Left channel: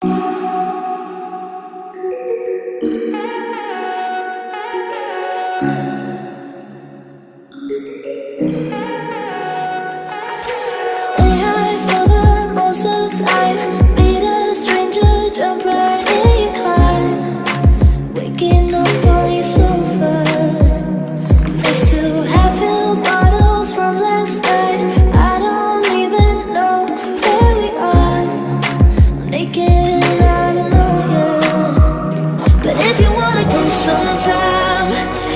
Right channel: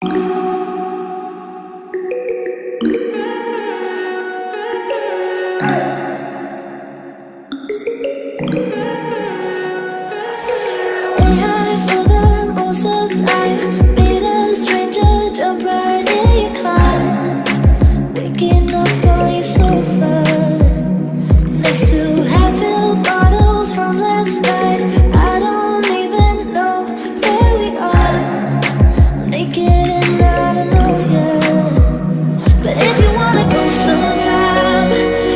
Stay high for the most of time. Meet a stranger, jump right in your climb. Waking up on your sofa next to half-filled bottles from last night. I don't even know where we are. I'm naked and I don't know you. But if you wanna go sometime,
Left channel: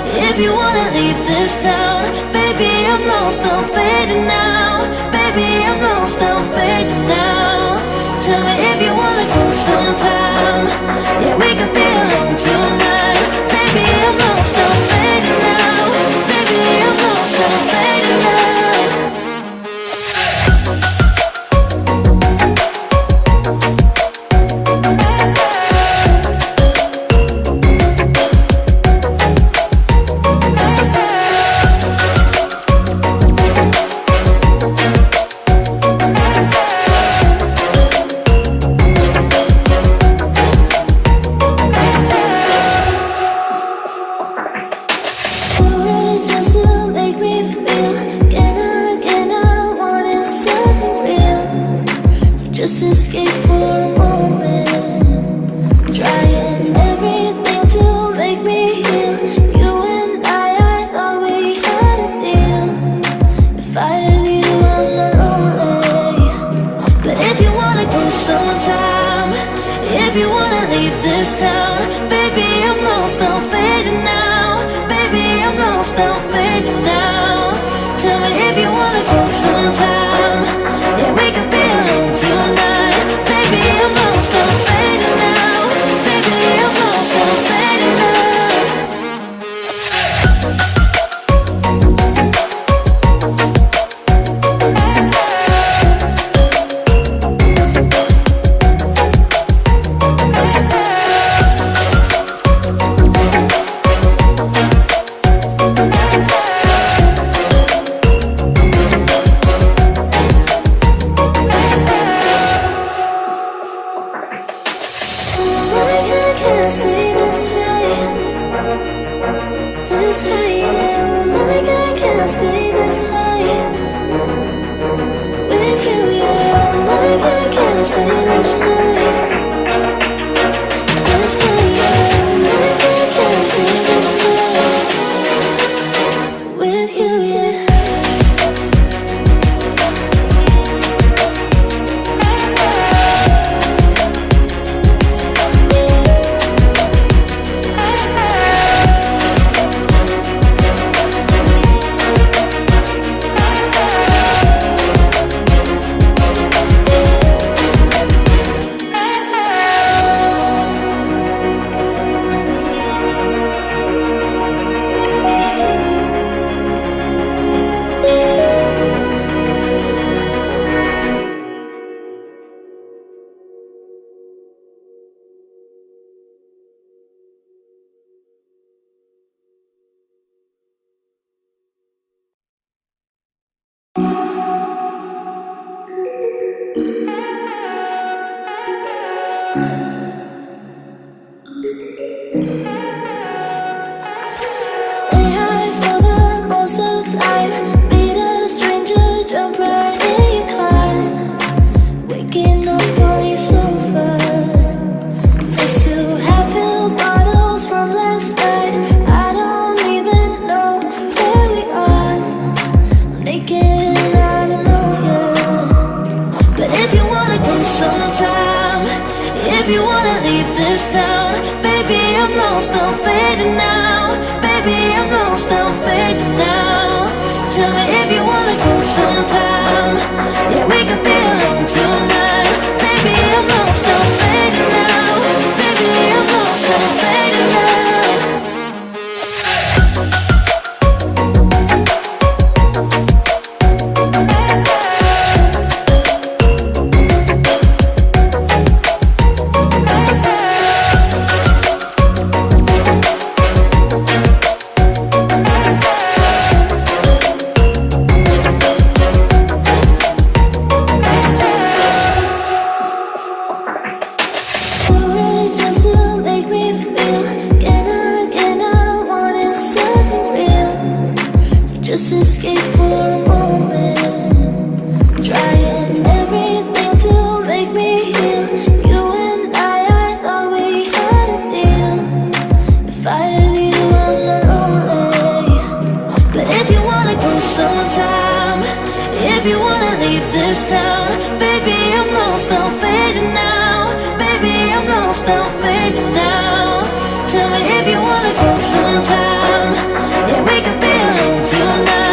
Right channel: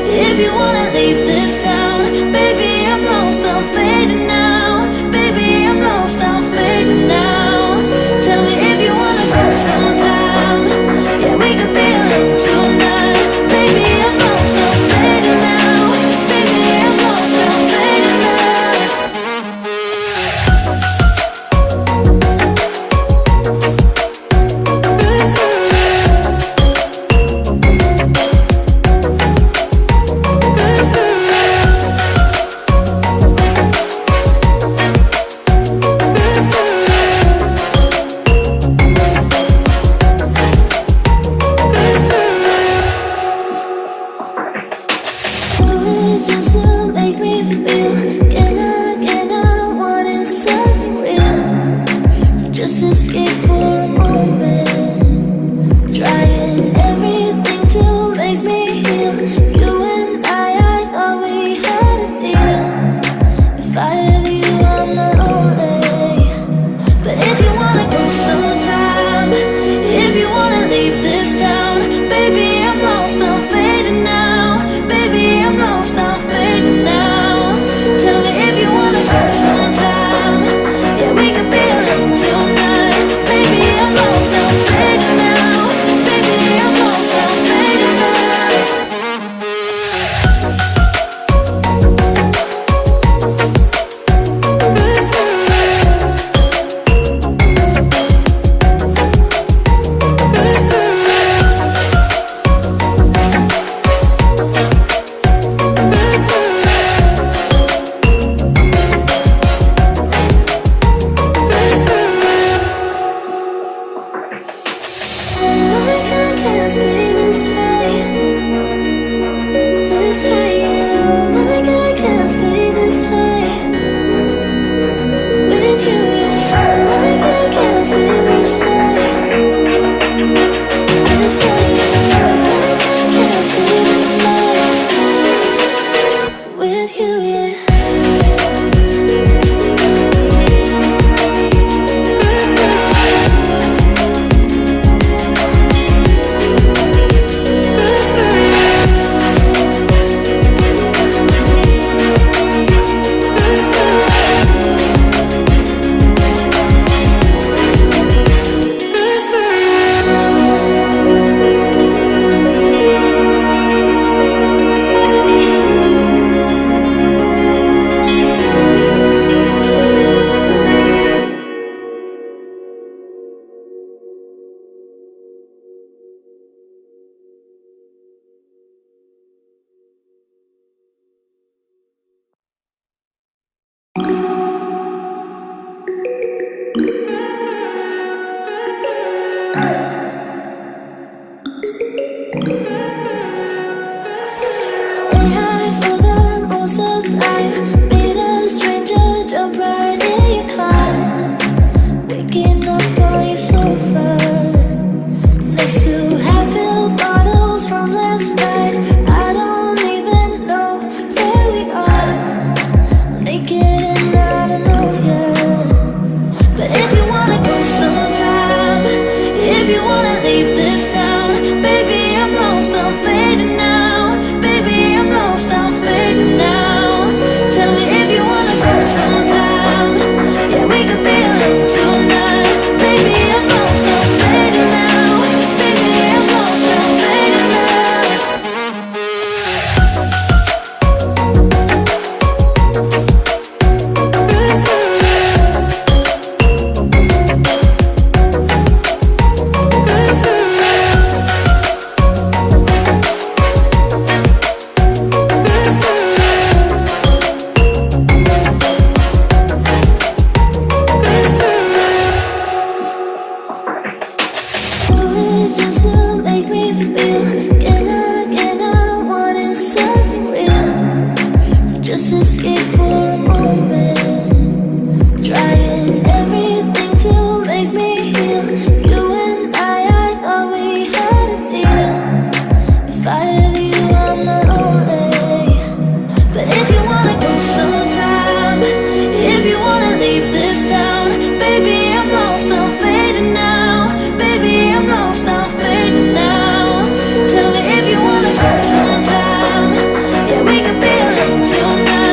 if you wanna leave this town, baby, I'm lost, I'm fading now. Baby, I'm lost, I'm fading now. Tell me if you wanna go sometime. Yeah, we could be alone tonight. Baby, I'm lost, I'm fading now. Baby, I'm lost, I'm fading now. Just to make me feel again I wanted something real to just escape for a moment, trying everything to make me heal. You and I thought we had a deal. If I have you, I'm not lonely. But if you wanna go sometime, if you wanna leave this town, baby, I'm lost, I'm fading now. Baby, I'm lost, I'm fading now. Tell me if you wanna go sometime. Yeah, we could be alone tonight. Baby, I'm lost, I'm fading now. Baby, I'm lost, I'm fading now. Stay high for the most of time. Meet a stranger, jump right in your climb. Waking up on your sofa next to half-filled bottles from last night. I don't even know where we are. I'm naked and I don't know you. But if you wanna go sometime, if you wanna leave this town, baby, I'm lost, I'm fading now. Baby, I'm lost, I'm fading now. Tell me if you wanna go sometime. Yeah, we could be alone tonight. Baby, I'm lost, I'm fading now. Baby, I'm lost, I'm fading now. just to make me feel. Again, I wanted something real. So just escape for a moment, trying everything to make me heal. You and I thought we had a deal. If I have you, I'm not lonely. But if you wanna go sometime, if you wanna leave this town, baby, I'm lost, I'm fading now. Baby, I'm lost, I'm fading now. Tell me if you wanna go sometime. Yeah, we could be alone tonight.